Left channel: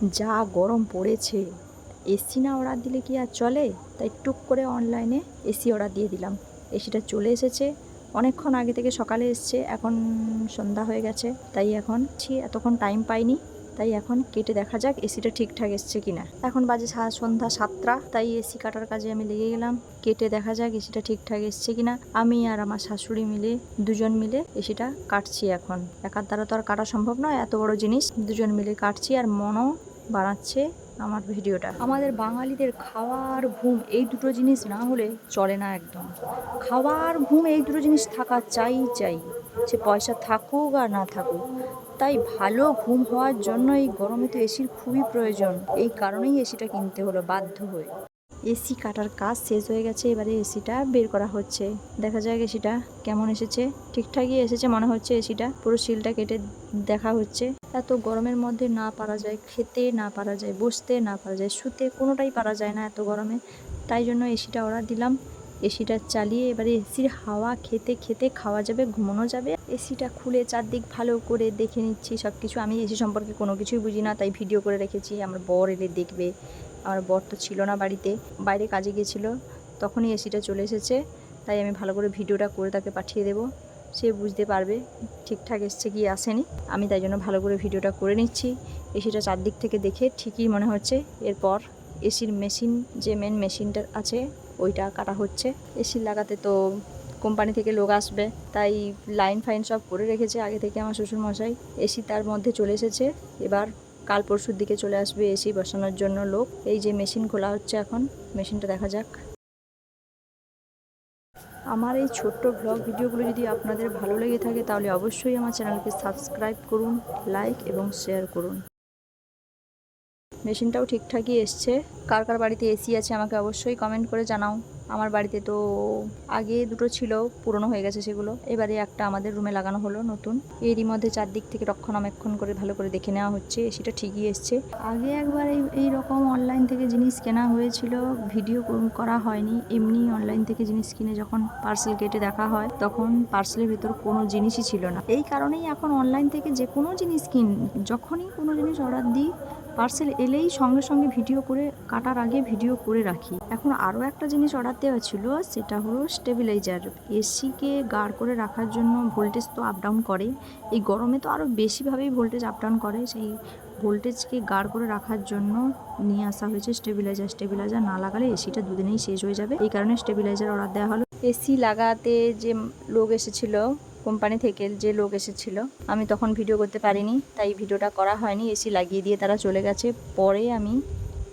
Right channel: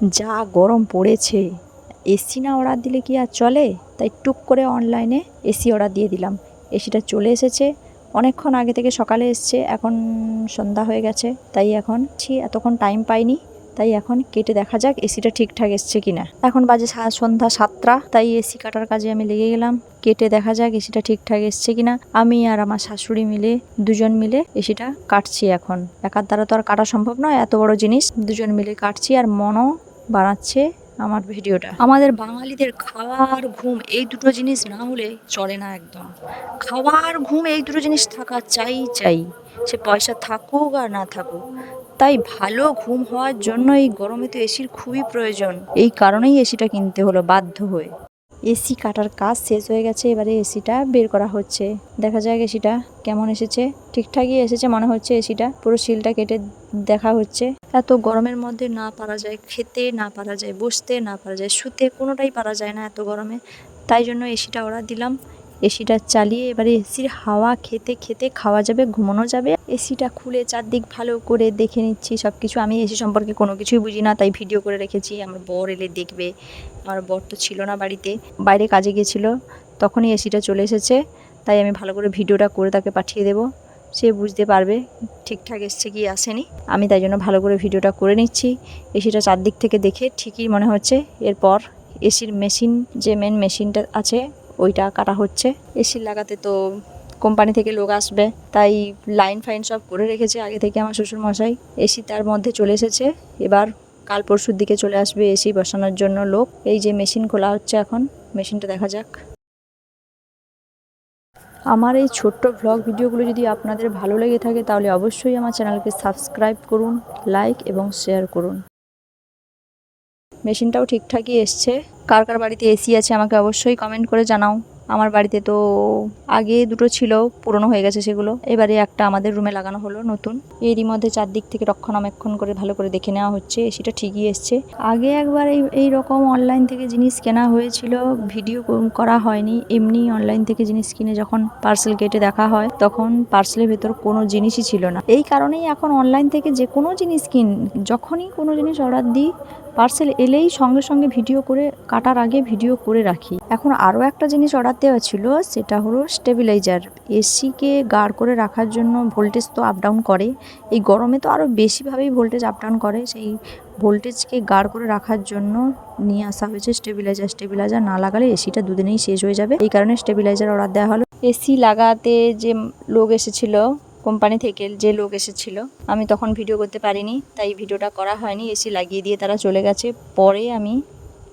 যা গরম পড়েছে, এসি না অর্ডার দিলে কি আর চলে? তাই টুক করে অনলাইনে এসি অর্ডার দিয়ে দিলাম। এসিটা চলে এসেছে অনেকক্ষণ আগে থেকে, সকালে এসছে, এখন সন্ধ্যা হয়ে গেছে। তাই এখন এতক্ষণ টাইম পাইনি, তাই এখন কেটে দেখা যাক এসিটা ঠিকঠাক এসছে কিনা। এখন বাজে সন্ধ্যা 7টা, তাই এসি কাটার কাজে আমি লেগে গেলাম। কেটে দেখা যাক এসিটা ঠিকঠাক এসছে কিনা। আমি আর আমার শাশুড়ি মিলে, দুজন মিলে এসিটা কাটছি। এখন একার দ্বারা তো আর কাটা সম্ভব নয়, এত বড় জিনিস। দুজন মিলে কাটছি আর মনও বানাচ্ছে আমার ভিডিওটা। আমাদের বাঙালিদের খাওয়া আর ঘুম এই দুটো জিনিস না হলে চলে না একদম। খাওয়া আর ঘুম এই দুটো জিনিস থাকা চাই, সে পয়সা থাকুক আর না থাকুক। তাই ভালো ঘুম হওয়ার জন্য এই গরমে তো এসির খুবই প্রয়োজন। এই কারণেই এসিটা কিনতে হলো বাধ্য হয়ে। এসি কাটার কাজ শেষ হয়ে গেছে, এবারে এসিটা বের করা হচ্ছে। দেখা যাক এসিটা কেমন এসেছে। ঠিকঠাকই এসেছে মনে হচ্ছে। এসিটা পুরো সিলটা কেটে দেখা হচ্ছে। এত গরমের মধ্যে না পারা যায় খেতে, না পারা যায় বসতে, না পারা যায় শুতে, কোনোটাই পারা যায় না এত গরমে। তাই জন্য এসিটা অর্ডার দিলাম। এসিটা চালিয়ে এবারে এসির হাওয়া খেতে খেতে খাওয়া যাবে, ঘুমানো যাবে। এসিটা খুলে চারদিক ভালো করে দেখে নিচ্ছি সব কিছু। আমি এসি সম্পর্কে কোনো কিছুই বুঝি না, তাই ভিডিও করে রেখেছি। আমার বর এলে দেখবে। আমার বর তো ছিল না বাড়িতে, বাইরে কাজে গিয়েছিল, তখনই এসিটা চলে এসেছে। তাই আমি ভালো করে ভিডিওটা করে তাকে পাঠিয়ে দেব, সে বুঝতে পারবে ঠিকঠাক এসছে কি আসেনি। আমি তাই জন্য ভালো করে ভিডিওটা করে নিচ্ছি। এসিটা চারদিক থেকে দেখে ঠিকই মনে হচ্ছে। এরপর এসির মেশিন, যে মেন মেশিনটা আছে ওইটা কাটা হচ্ছে। এসি লাগাতে তো কোম্পানি থেকে লোক আসবে, তাই লাইন ফাইন সব করে রেখেছে আগে থেকে আমার শ্বশুরমশাই। এসি তার মধ্যে চলে এসেছে। এবার কাল পরশুর দিকে চলে আসবে এসি বসানোর জন্য লোক। এই যে মেশিন খোলা হচ্ছে এখন, মেশিনটা দেখা যাক। আমার এই ছোট্ট ব্লগ ভিডিওগুলো যদি আপনাদের ভালো লেগে থাকে তাহলে অবশ্যই আমার চ্যানেলকে সাবস্ক্রাইব করুন, লাইক এবং শেয়ার করুন। মেশিনটাও ঠিকঠাকই এসছে। কার কার বাড়িতে এসি আছে আমাকে অবশ্যই কমেন্ট করে জানাও। আমার বাড়িতে তো আগে দুটো ছিল, পুরনো হয়ে গেছে সেগুলো। এবারে একটা আমাদের রুমে লাগানো হলো নতুন। এরই মধ্যে চারদিক থেকে রক্ষণাবেক্ষণ করে ভালো করে দেখে নেওয়া হচ্ছে। এসিটা ঠিকই এসছে। আগে একবার এই রকম অনলাইন থেকে জিনিস কেনা হয়েছিল, ভিডিও করা হয়নি। এমনি অনলাইন থেকে জিনিস কিনে যখন পার্সেল কেটে দেখা হয়, তখন পার্সেলের ভেতর কোনো জিনিসই ছিল না। এই কারণেই এখন অনলাইন থেকে যে কোনো জিনিস যখনই কোনো জিনিস অর্ডার দিই, পার্সেল এলেই সঙ্গে সঙ্গে ভিডিও করে, কাটার আগে ভিডিও করে রাখি। এখন আরও একটা জিনিস অর্ডার দেওয়া ছিল, সেটা হলো স্টেবিলাইজার। এসিকে গাঢ় করে রাখার জন্য ভোল্টেজ তো আপ ডাউন করে, এই গরমে তো আরও বেশিভাবেই ভোল্টেজ আপ ডাউন করে। সেই ভোল্টেজকে গাঢ় করে রাখার জন্য নিয়ে আসা হয়েছে স্টেবিলাইজার। স্টেবিলাইজার না লাগালে এসিটা দুদিনেই শেষ হয়ে যাবে, এই কারণে স্টেবিলাইজার অর্ডার দেওয়া হলো। এসি লাগাতে যে লোক এসেছিল, কোম্পানি থেকে যে লোক এসেছিল, আমি তখন ভিডিও করতে পারিনি, তাই ভিডিওটা করা হয়নি। এসি লাগিয়ে দিয়ে তারা চলে গেছে, পরে আমি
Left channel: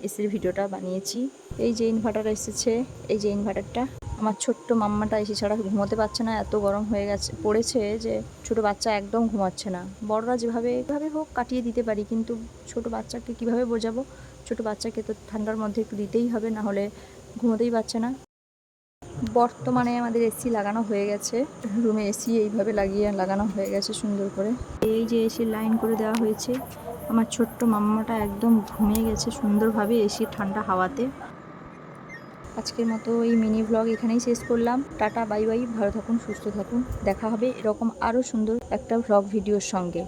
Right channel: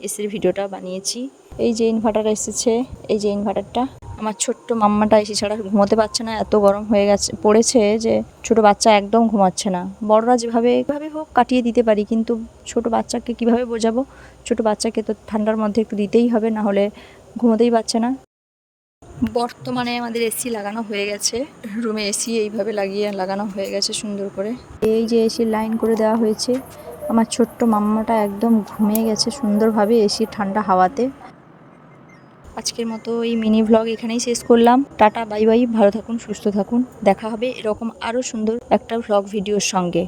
এসির ভিডিওটা বানিয়েছি। এই যে ইনভার্টার এসেছে, এই যে ইনভার্টারটা। আমার ছোট্ট মাম্মাটা এসি ছাড়া ঘুমোতে পারছে না, এত গরম হয়ে পড়েছে যে ছোট বাচ্চা একদম ঘুমাচ্ছে না। বড়রা যেভাবে হোক কাটিয়ে দিতে পারি, কিন্তু ছোট বাচ্চাকে কিভাবে বোঝাবো? ছোট বাচ্চাকে তো ঠান্ডার মধ্যে একটু দিতেই হবে, না হলে ঘুমোতেই পারছে না। বর্তমানে আমাদের এসি লাগানো হয়ে গেছে, রুমে এসি এইভাবে লাগানো হয়ে গেছে সুন্দর করে। এই যে এসির লাইন করে দেওয়া হয়েছে। আমার ছোট্ট মাম্মাটা একদম ঘুমিয়ে গেছে সুন্দরভাবে এসির ঠান্ডা হাওয়াতে। আজকের মতো এই মিনি ভ্লগ এখানেই শেষ করলাম। টাটা, বাই বাই, ভালো থাকুন, সুস্থ থাকুন। দেখা হবে এরকম আরও সুন্দর একটা ভ্লগ ভিডিওর সঙ্গে।